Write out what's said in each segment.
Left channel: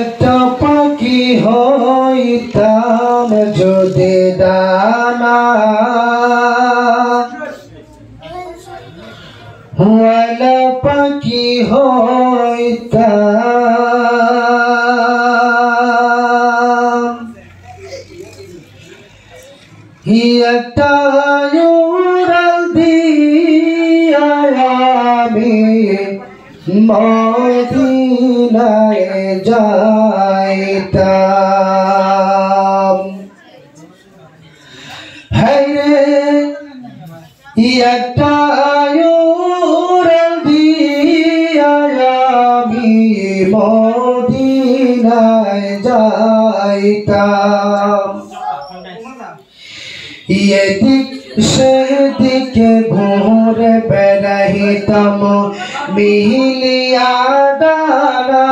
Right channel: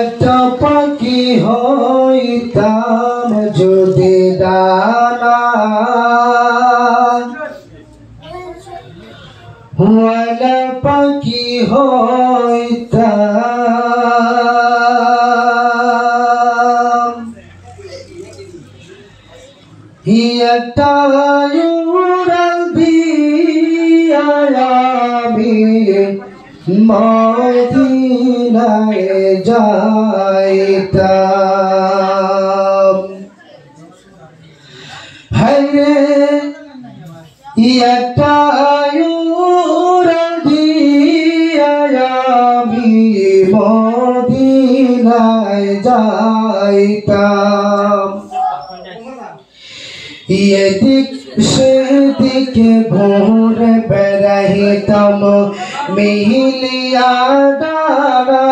একটা পাখি হইতাম যদি ডানা ওয়ালা পাখি হইতাম একটা উড়াল দিয়া আমি মদিনায় যাইতাম। হায়রে একটা উড়াল দিয়া আমি মদিনায় যাইতাম। এদিক সেদিকে ঘুরে বেড়াইতাম মিলিয়া ডানা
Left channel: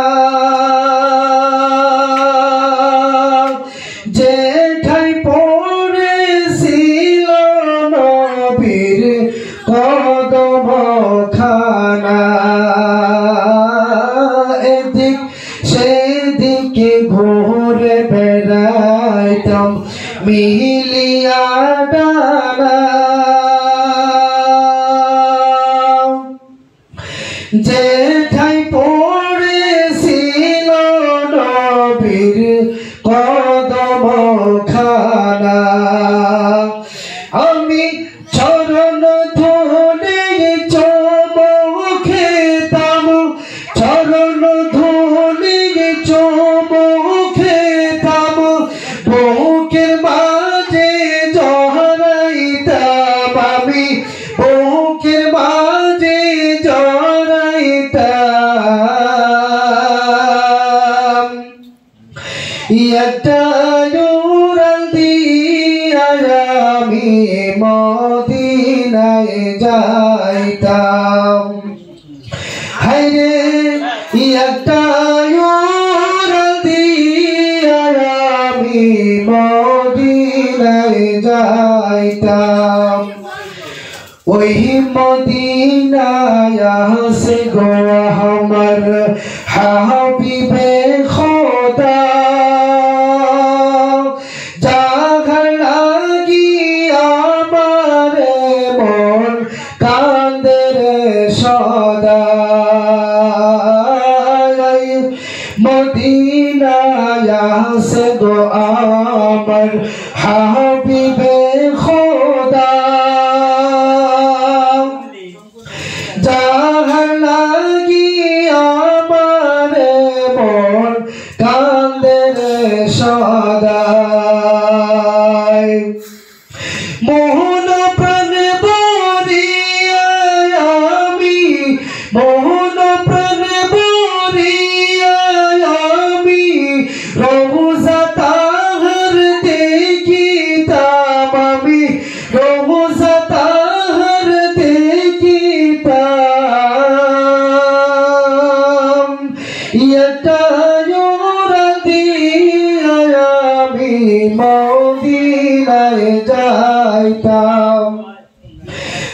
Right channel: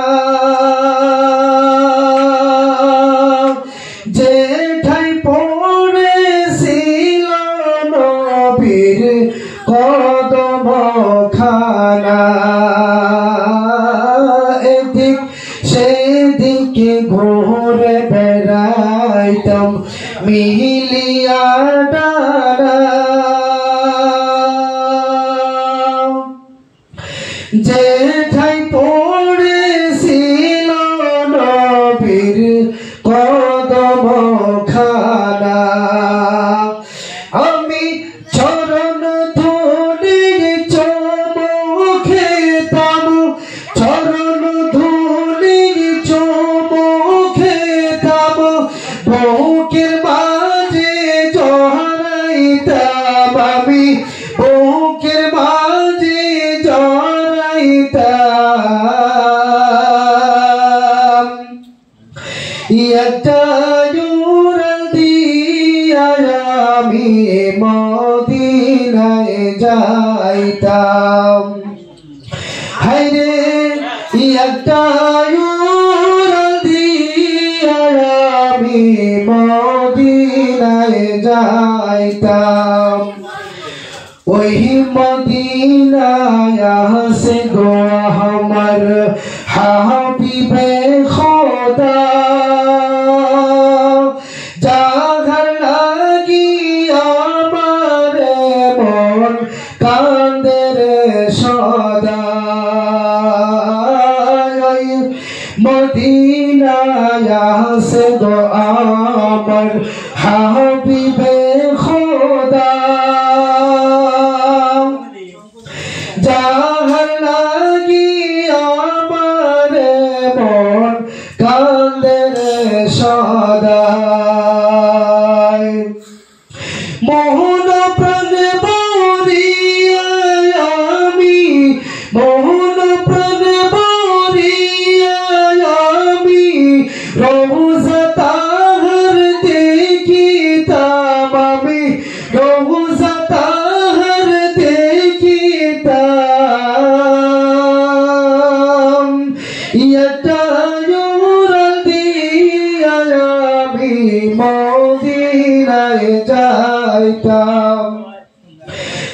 যেঠাই পড়েছিল নবীর কদম খানা। এদিক সেদিকে ঘুরে বেড়াইতাম মিলিয়া ডানা যেঠাই পড়েছিল নবীর কদম খানা। আমি চরণ ধরে চুমু খেতাম, চরণ ধরে চুমু খেতাম, বুকের মাঝে জড়াইতাম আমি, বুকের মাঝে জড়াইতাম। একটা উড়াল দিয়া আমি মদিনায় যাইতাম। হায়রে একটা উড়াল দিয়া আমি মদিনায় যাইতাম। ওই মদিনায় আছে গো আমার হাবিবে খোদা, যাহার লাগি আমার মন কান্দে রে সদা। মদিনায় আছে গো আমার হাবিবে খোদা, যাহার লাগি আমার মন কান্দে রে সদা। মোহন প্রাণ বরিয়া আমি, মোহন প্রাণ বরিয়া আমি রওজা তাহার দেখিতাম আমি, রওজা তাহার দেখিতাম। একটা উড়াল দিয়া আমি মদিনায় যাইতাম।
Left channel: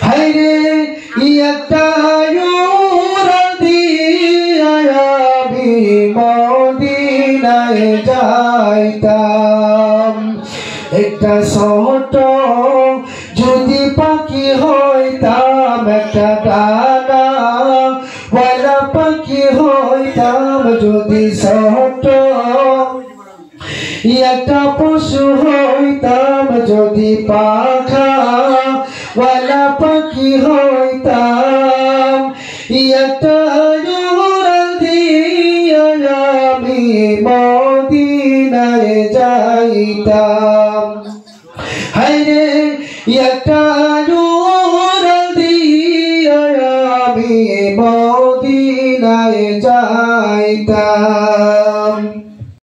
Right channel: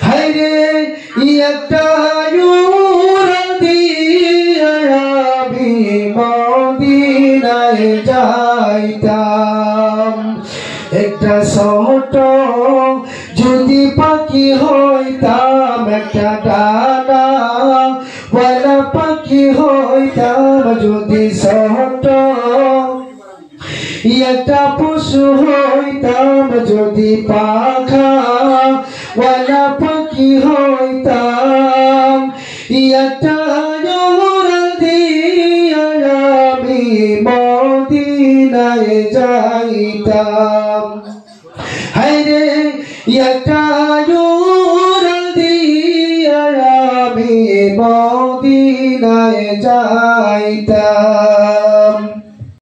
হায়রে একটা উড়াল দিয়া আমি মদিনায় যাইতাম। একটা ছোট যদি পাখি হইতাম, একটা ডানা ওয়ালা পাখি হইতাম যদি ছোট, একটা পশু হইতাম যদি পাখা ওয়ালা পাখি হইতাম। একটা উড়াল দিয়া আমি মদিনায় যাইতাম। হায়রে একটা উড়াল দিয়া আমি মদিনায় যাইতাম।